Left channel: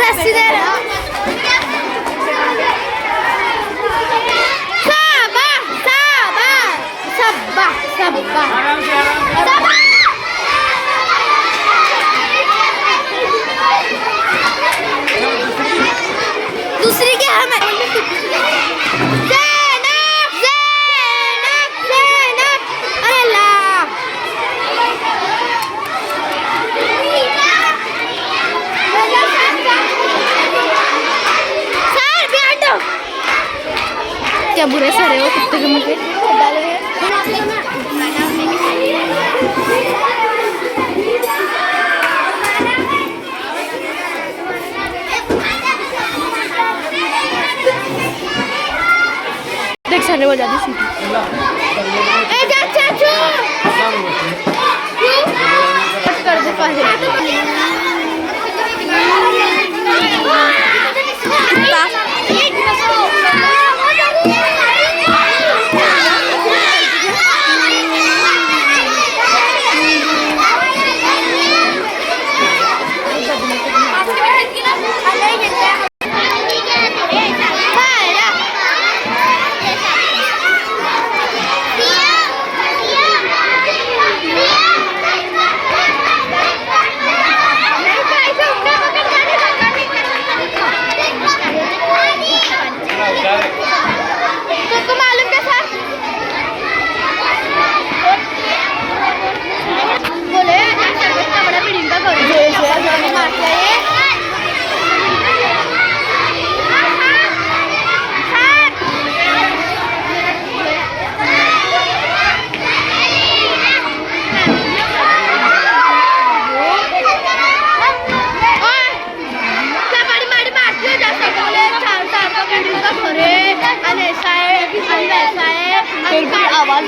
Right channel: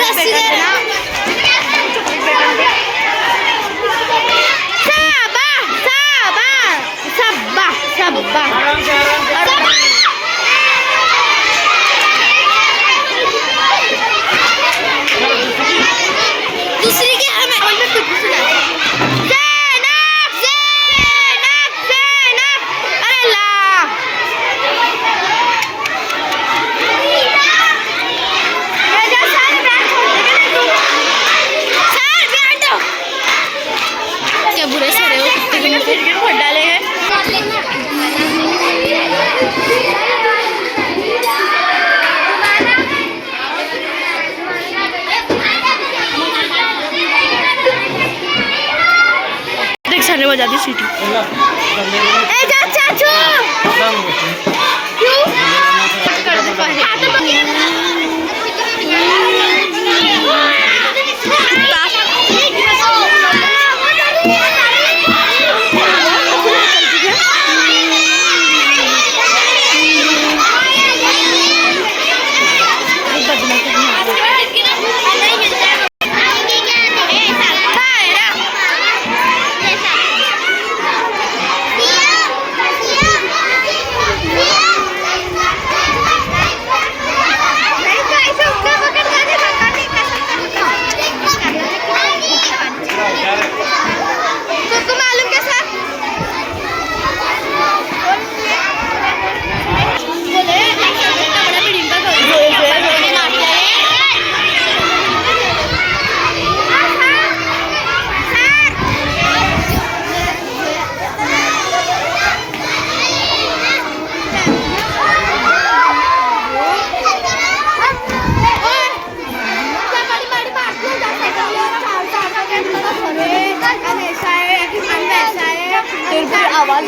रस्सी दे ना। सबा सबा सबा दूसरी क्या है? क्या बुरे सारे वो कुत्ते के मुझे फट डाले हैं। देख सारे बजा दी सीटी। कर दे आवाज